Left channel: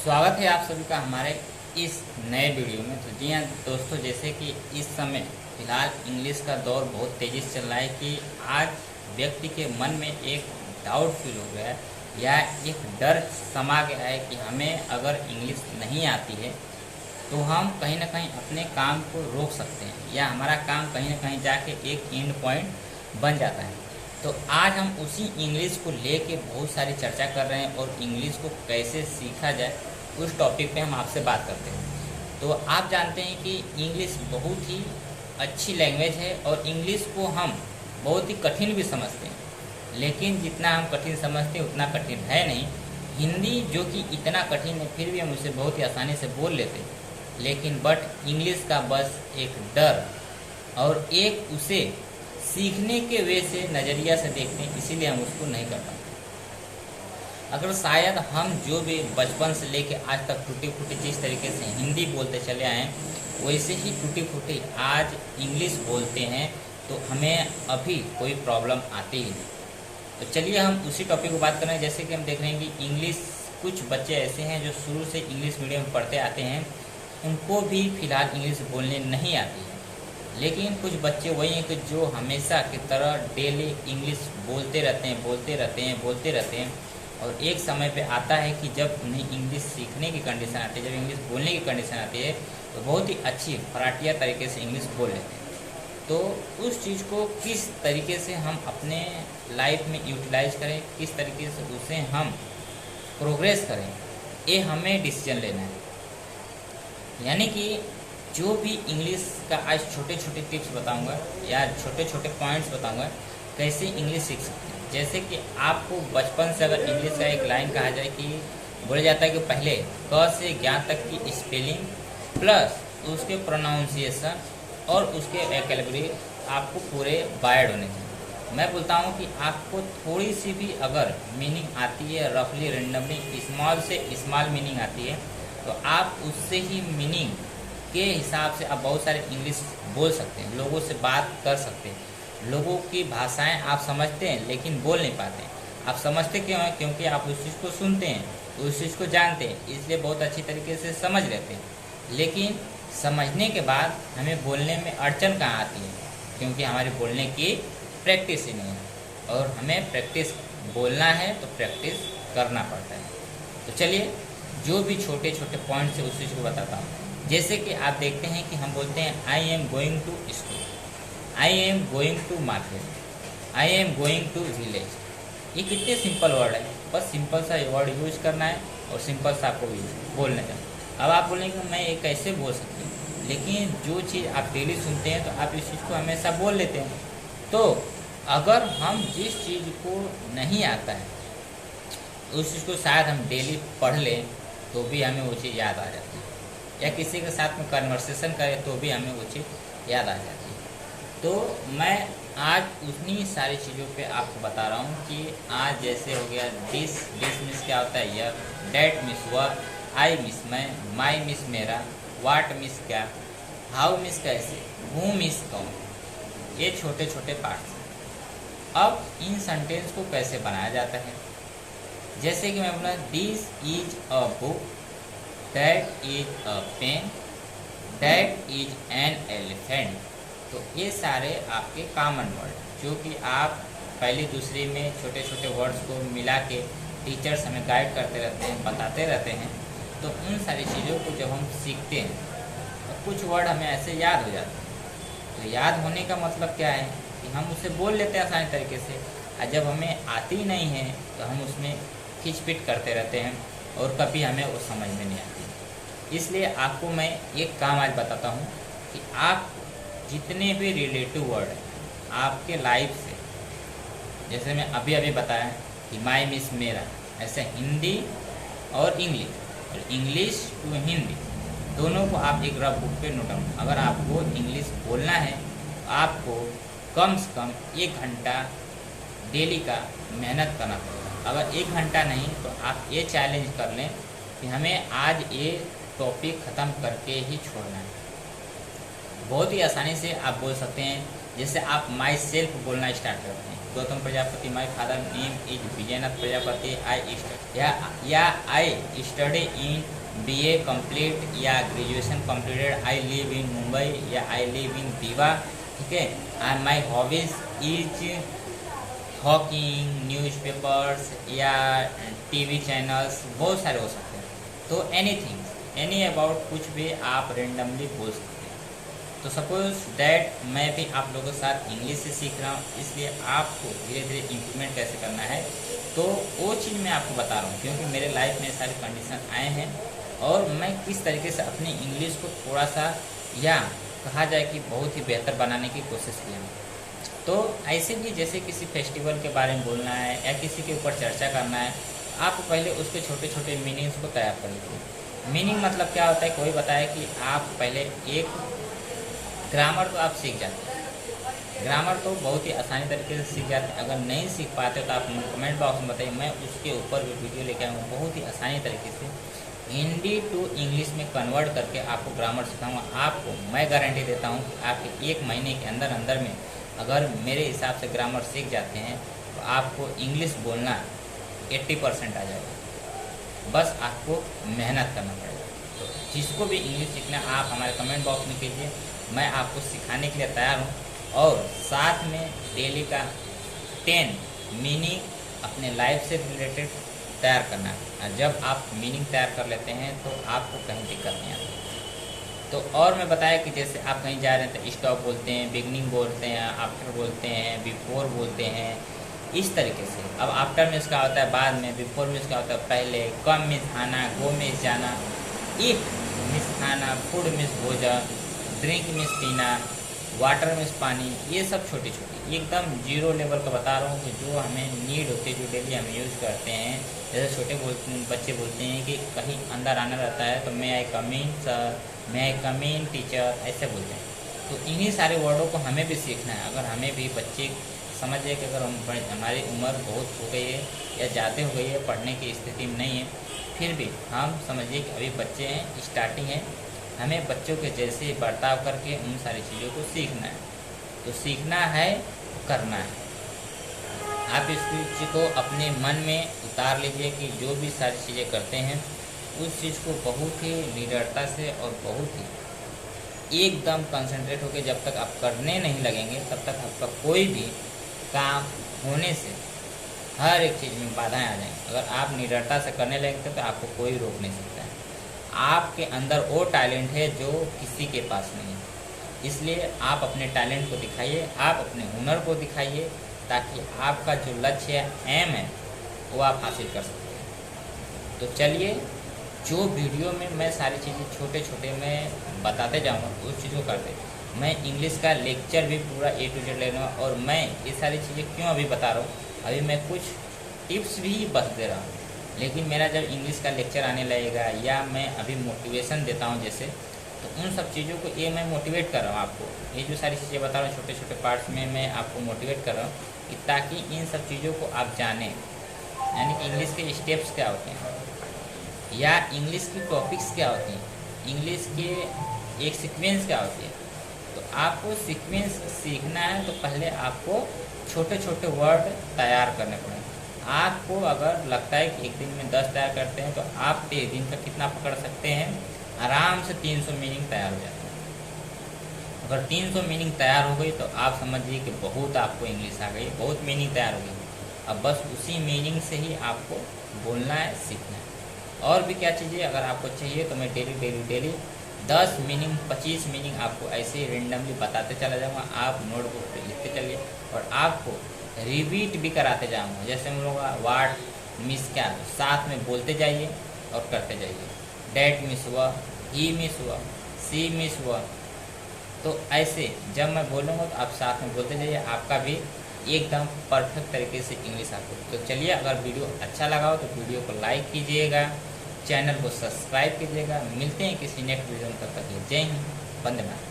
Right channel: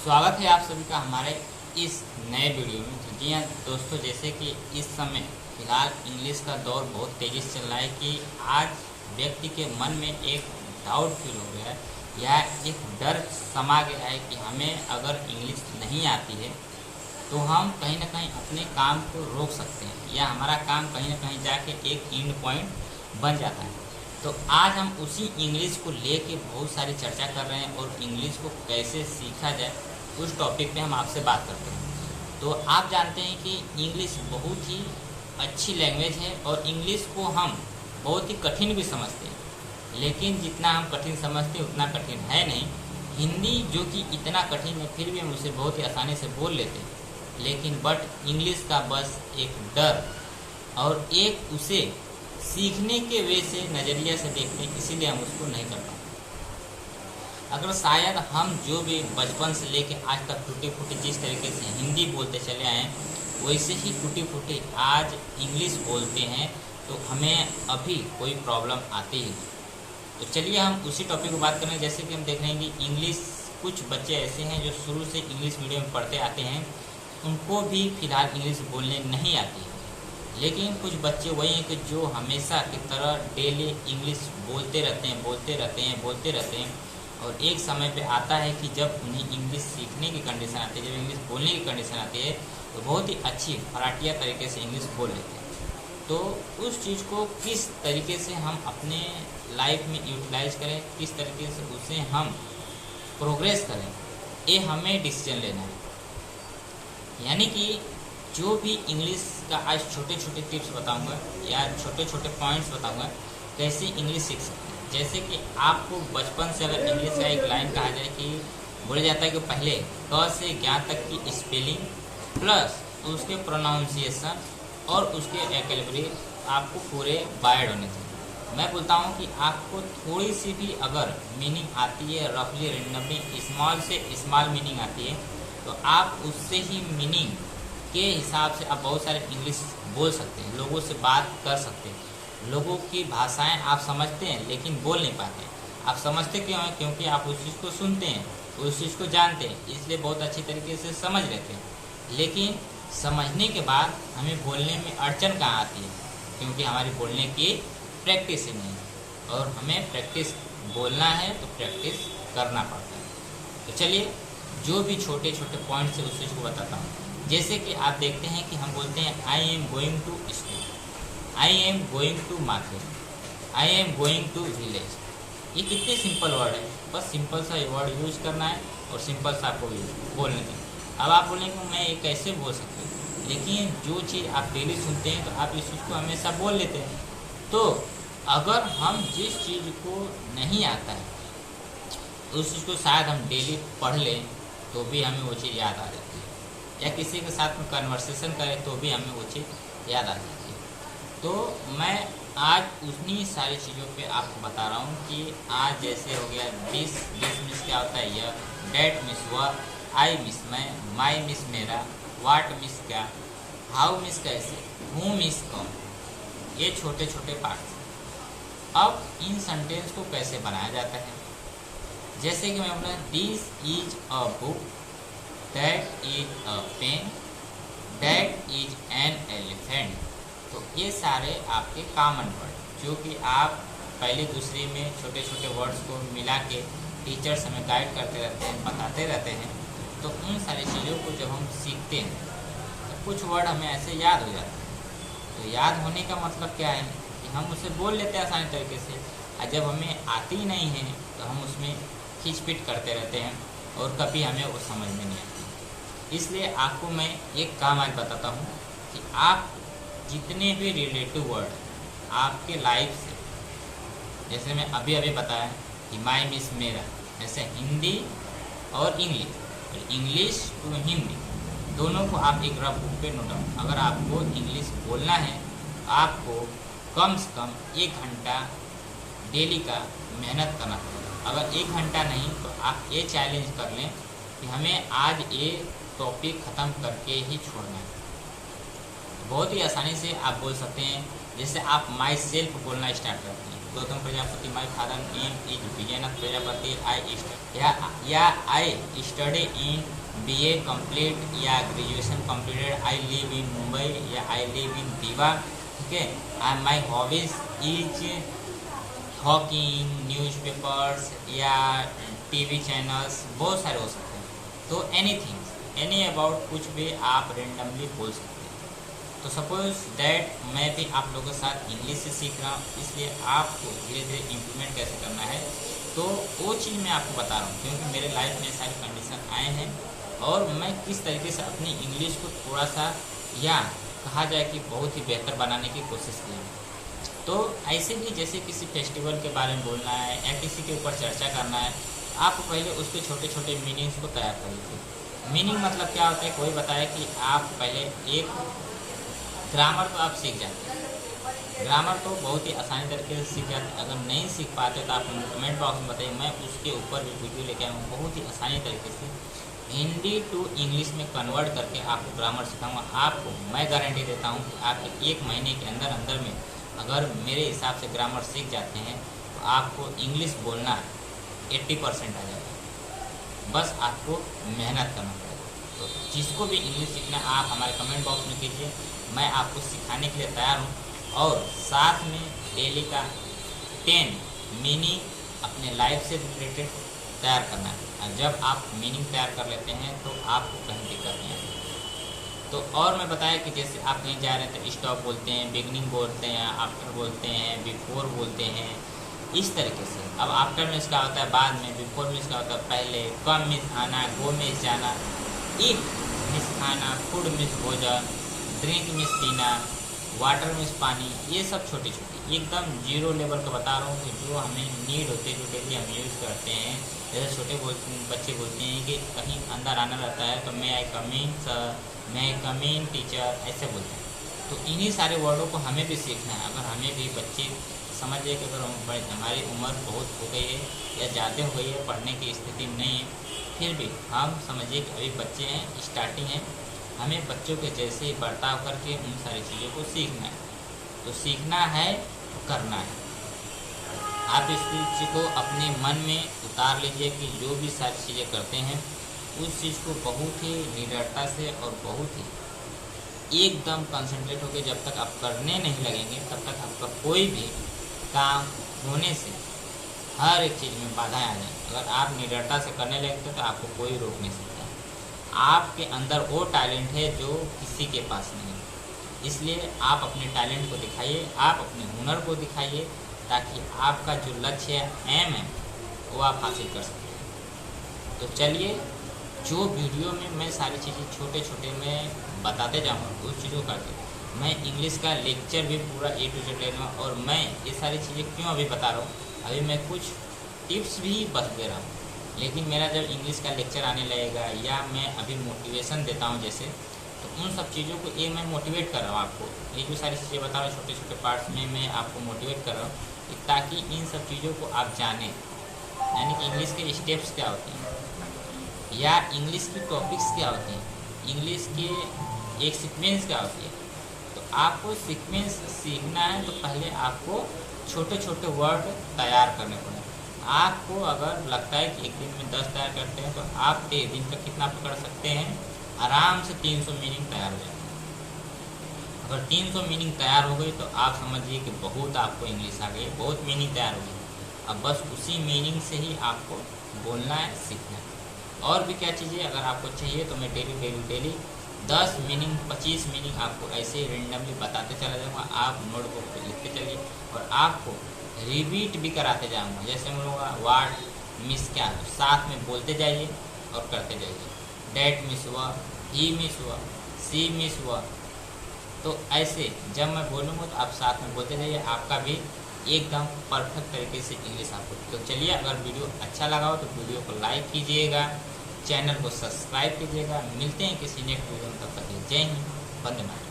स्वागत है आप सभी का हमारे इस नए वीडियो में। तो जी हाँ दोस्तों, जैसे कि इस समय फ़िलहाल इंग्लिश का दौर बहुत तेज़ी से चल रहा है कि आज व्यक्ति के मन में एक डाउट फील हो गया है या एक डर समा गया है कि हमें अगर इंग्लिश नहीं आती है तो हम कहीं ना कहीं अपने काम को रोक सकते हैं या हमारा काम कहीं ना कहीं जाके एक एंड पॉइंट बन जाता है। तो आज हम उसी इंग्लिश को लेके बहुत सारी चर्चा कर रहे हैं और इंग्लिश को कैसे सीखा जाए उस टॉपिक पे हम आपसे बात करते हैं। तो आप जानते हैं कि इंग्लिश बहुत ही अच्छी लैंग्वेज है और इंग्लिश को हम बहुत ही कठिन भी समझते हैं, लेकिन जितना हम कठिन समझते हैं उतना कठिन है नहीं। हिंदी जो कि इतना कठिन है फिर भी हम उसे बहुत ही आसानी से बोल लेते हैं, लेकिन बट इंग्लिश का बस एक डर और एक उसे सीखने के वे से नज़रिया से देखते हैं, इसीलिए हम उसको नहीं कर पाते। अगर शायद हम जो भी बचपन से लेके आज तक टूटी फूटी जिस तरीके से हिंदी बोलते चले आए वैसे ही टूटी फूटी आज इंग्लिश बोलते हैं तो हमें अभी कोई प्रॉब्लम आती ही नहीं। तो चलिए हम उसी टॉपिक को बात करें। जैसे कि हम देख रहे हैं कि इंग्लिश कुछ बच्चे ऐसे हैं जो शुरू से इंग्लिश मीडियम में पढ़ते आते हैं, उनको भी फ़िलहाल इंग्लिश बोलने नहीं आती है, लेकिन कुछ बच्चे वही हैं कि जो हमेशा की तरह डेली इंग्लिश बोलते रहते हैं और एक समय पे आता है कि जब उन्हें इंग्लिश सीखने की कंडीशन आती है, जब इंग्लिश बोलने की कंडीशन आती है तो बहुत ही अच्छी फराटिया तरीके से इंग्लिश बोल लेते हैं। तो उस चीज़ को किस तरीके से हम अपने लाइफ में यूटिलाइज करें, किस तरीके से उसे हम प्रोग्रेस करें, ये हमें डिसीजन लेना है। यानी कि जो भी इंग्लिश का आज छोटे छोटे टिप्स बताऊंगा या छोटे छोटे पॉइंट्स बताऊंगा कैसे इंग्लिश सीख सकते हैं। जैसे कि आपको बचपन से अगर इंग्लिश का एक लाइन कहा जाए कि बोला जाता है कि पहले क से ज्ञ तक की स्पेलिंग प्लस उसके प्रोनाउंसिएशन और उसके वोकैबुलरी आपको पूरे वायर्ड होने चाहिए। मैं बोलता हूँ कि आपको थोड़ी सी भी अगर मीनिंग आती है, रफली रेंडमली स्मॉल से स्मॉल मीनिंग आती है, तो आप उससे ही मीनिंग के हिसाब से आप बहुत सारे इंग्लिश बोल सकते हैं, लोगों से बात कर सकते हैं। लोगों की भाषाएं आप समझते हैं लेकिन बोल नहीं पाते हैं। आप समझते क्यों हैं? क्योंकि आप उस चीज़ को सुनते हैं, उस चीज़ को जानते हैं, इसलिए बहुत अच्छी तरीके से समझ लेते हैं। लेकिन समझने के बाद हमें बोलने में अड़चन कहाँ आती है? क्योंकि हमारी बोलने की प्रैक्टिस ही नहीं है और हमें प्रैक्टिस बोलना है तो प्रैक्टिस करना पड़ता है। तो चलिए जो भी छोटे छोटे पॉइंट्स है उस चीज़ को बताता हूँ। जैसे कि आप देखते हैं कि हम बोलते हैं I am going to school, I am going to market, I am going to village. ये कितने सिंपल वर्ड है, बस सिंपल सा वर्ड यूज करना है और सिंपल सा आपको बोलने का। अब आप बोलेंगे मैं ये कैसे बोल सकते हैं, लेकिन जो चीज़ आप डेली सुनते हैं तो आप इस चीज़ को हमेशा बोल लेते हैं। तो अगर हम जिस चीज़ को नहीं आता है उस चीज़ को शायद हम डेली पढ़ लें तो भी हमें वो चीज़ याद आ जाती है, या किसी के साथ में कन्वर्सेशन करें तो भी हमें वो चीज़ याद आ जाती है। तो मैं आज उतनी सारी चीज़ों पे आपको बता रहा हूँ कि आज जैसे हो गया दिस मिस क्या होता है यह, डैट मिस वह, आई मिस मैं, माई मिस मेरा, वाट मिस क्या, हाउ मिस कैसे, हूँ मिस कौन, ये छोटे छोटे पार्ट्स। अब इन सेंटेंस को कैसे बनाया जाता है? जैसे कि मैं बोला this is a book, that is a pen, that is an elephant. तो ये सारे आपके कॉमन वर्ड जो कि आप पहली दूसरी में छोटे छोटे वर्ड्स को मिला के टीचर्स हमें गाइड करते रहते हैं, बताते रहते हैं। तो उन सारी चीज़ों को जब हम सीखते हैं तो कुछ वर्ड हमें ऐसे याद हो जाते हैं। तो याद होने का मतलब क्या है कि हम उसे बोल लेते हैं आसानी तरीके से, और जब हमें आती नहीं है तो हम उसमें खिचपिट करते रहते हैं और कभी हमें वो समझ में नहीं आती। इसलिए आपको मैं एक काम आज बताता हूँ कि आप जितने भी रिलेटिव वर्ड आपके लाइफ से, जैसे मैं अभी अभी बताया कि माई मिस मेरा, ऐसे हिंदी और इंग्लिश, और इंग्लिश टू हिंदी दोनों को आप एक रफ बुक पे नोट डाउन। अगर आपको इंग्लिश बोलना है तो आपको कम से कम 1 घंटा डेली का मेहनत करना पड़ेगा। अगर 1 घंटा नहीं तो आप ये चैलेंज कर लें कि हमें आज ये टॉपिक ख़त्म करके ही छोड़ना है। बहुत ही आसानी से आप बोल सकते हैं। जैसे आप माई सेल्फ बोलना स्टार्ट करते हैं Gautam Prajapati, my father name is Vijaynath Prajapati, I study in BA complete या graduation completed, I live in Mumbai या आई लिव इन दीवा, ठीक है। And my hobbies is hawking, newspapers या TV चैनल्स, बहुत सारे हो सकते हैं। तो एनीथिंग, एनी अबाउट, कुछ भी आप रेंडमली बोल सकते हैं। तो सपोज दैट मैं भी आप लोगों के साथ इंग्लिश से सीख रहा हूँ, इसलिए आपको धीरे धीरे इम्प्रूवमेंट कैसे करना है तो वो चीज़ मैं आपको बता रहा हूँ, क्योंकि मेरे लाइफ में सारे कंडीशन आए हैं और मैं किस तरीके से अपनी इंग्लिश को थोड़ा सा, या कहा जाए कि बहुत ही बेहतर बनाने की कोशिश की है। तो ऐसे ही जैसे किसी फेस्टिवल के बारे में बोलना है या किसी के ऊपर चर्चा करना है, आप पहले उसके छोटे छोटे मीनिंग्स को तैयार कर लीजिए। मीनिंग मतलब क्या होता है, कोई बताए कि आप पहले एक ग्रामर तो आप सीख जाते हैं, ग्रामर तो बहुत ही आसानी तरीके से सीख जाते हैं। अगर नहीं सीख पाते तो आप कमेंट बॉक्स में बताइए, मैं उसके ऊपर भी वीडियो लेके आऊँ बहुत ही आसानी तरीके से हिंदी टू इंग्लिश में कन्वर्ट करके आपको ग्रामर सिखाऊंगा। आपको मैं गारंटी देता हूँ कि आपके 1 महीने के अंदर अंदर में अगर मेरे हिसाब से ग्रामर सीख जाते हैं तो आपको इंग्लिश बोलना 80% आ जाएगा। बस आपको मेहनत करना पड़ेगा। तो जिसको भी इंग्लिश सीखना आप हमारे कमेंट बॉक्स में कीजिए, मैं आपको सिखाने के लिए तैयार हूँ। और साथ में डेली का 10 मीनिंग अपने लाइफ से रिलेटेड तैयार करना है। और जब आप मीनिंग तैयार कर लेते हैं तो आपको कहीं दिक्कत नहीं आती। तो और मैं बताया कि जैसे आप कहीं जा रहे हैं तो स्टॉप बोलते हैं, बिगनिंग बोलते हैं, आफ्टर बोलते हैं, बिफोर बोलते हैं, इस तरीके से। अब आफ्टर मीन्स क्या होता है बाद में, बिफोर मीन्स क्या होता है पहले, कम मीन्स आना, गो मीन्स जाना, ईट मीन्स खाना, फूड मीन्स भोजन, ड्रिंक मीन्स पीना, वाटर मीन्स पानी। ये सब छोटी छोटी एकदम जीरो लेवल का बता रहा हूँ कि जो हमें नीड होती है, जो डेली हम यूज़ करते हैं। जैसे छोटे बच्चे बोलते हैं कि कहीं अंदर आना रहता है तो मे आई कम इन सर, मे आई कम इन टीचर, ऐसे बोलते हैं। तो इन्हीं सारे वर्डों को हमें भी सीखना है। अगर हमें भी बच्चे समझिए कि अगर हमारी उम्र बहुत हो गई है या ज़्यादा हो गई है, पढ़ने की स्थिति में नहीं है, फिर भी हम समझिए कि अभी बच्चे हैं, स्टार्टिंग है, हमें बच्चों के जैसे बर्ताव करके उन सारी चीज़ों को सीखना है। तो सीखना है तो करना है। आप इस चीज़ को अपने मन में उतार लीजिए कि जो भी सारी चीज़ें करते हैं उस चीज़ को बहुत ही निडरता से और बहुत ही एकदम कंसंट्रेट होकर जब तक आप करने नहीं लगेंगे तब तक आपका कोई भी काम होने से हर एक चीज़ में बाधाएं आ जाएंगी। अगर आप निडरता से करने लगते तो आपको कोई रोक नहीं सकता है। आपके अंदर वो टैलेंट है जो किसी के पास नहीं है। इसलिए आप अपने टैलेंट को दिखाइए, आप अपने हुनर को दिखाइए, ताकि आपका जो लक्ष्य है, एम है, वो आप हासिल कर सकते हैं। तो चलिए, जो वीडियो में मैं सारी चीज़ें छोटे छोटे मैं बताते जाऊँगा उस चीज़ को करते। मैं इंग्लिश का लेक्चर भी पूरा A to Z लेना, और मैं ये सारी चीज़ें क्यों अभी बता रहा हूँ, अभी मैं कुछ टिप्स भी बता दे रहा हूँ। लेकिन मेरा जब इंग्लिश का लेक्चर आने लगेगा या मैं अभी मोटिवेशन देता हूँ जैसे, तो उन सब चीज़ों को ये मैं मोटिवेट कर रहा हूँ आपको। ये जो सारी चीज़ें बता रहा हूँ छोटे छोटे पार्ट्स में मैं आपको मोटिवेट कर रहा हूँ ताकि इन सब चीज़ों को आप जानें, यानी कि इंग्लिश के स्टेप्स क्या होते हैं या इंग्लिश की टॉपिक्स क्या होती हैं, इंग्लिश के एक सीक्वेंस क्या होती है। तो आपको सीक्वेंस सीखना है तो पहले आपको छोटे छोटे वर्ड तैयार करने पड़ेंगे। आपको अगर लगता है कि एक दिन में 10 तैयार करते हैं तो आप 1 दिन का कितना पकड़ सकते हैं, आराम से 300 मीनिंग तैयार हो जाती है। अगर 300 मीनिंग तैयार हो गई तो आप समझिए कि बहुत आपको इंग्लिश आ गई, बहुत मीनिंग तैयार हो गई। अब बस उसी मीनिंग से ही आपको बोलना है, सीखना है। और भी क्या चीज़ें अगर आपको चाहिए तो मैं डेली 10 मीनिंग 25 मीनिंग आपको ऐसे ही रेंडमली बताते चला जाऊँगा। आप नोटबुक पे लिखते चलिए और आपको रिपीट भी कराते जाऊँगा। जैसे हम लोग वाट मिस क्या है साथ में बोलते जाइए और करते जाइए। डैट मिस हुआ, ही मिस हुआ, सी मिस हुआ। तो ऐसे जब मैं बोलूँगा तो आप साथ में बोलते जाइए, आपका भी एकदम परफेक्ट तरीके से इंग्लिश आपको। तो चलिए, अगर वीडियो अच्छा लगा हो तो वीडियो को लाइक कीजिएगा, चैनल को सब्सक्राइब कीजिएगा। मिलते हैं किसी नेक्स्ट वीडियो में, तब तक जय हिंद, वंदे मातरम।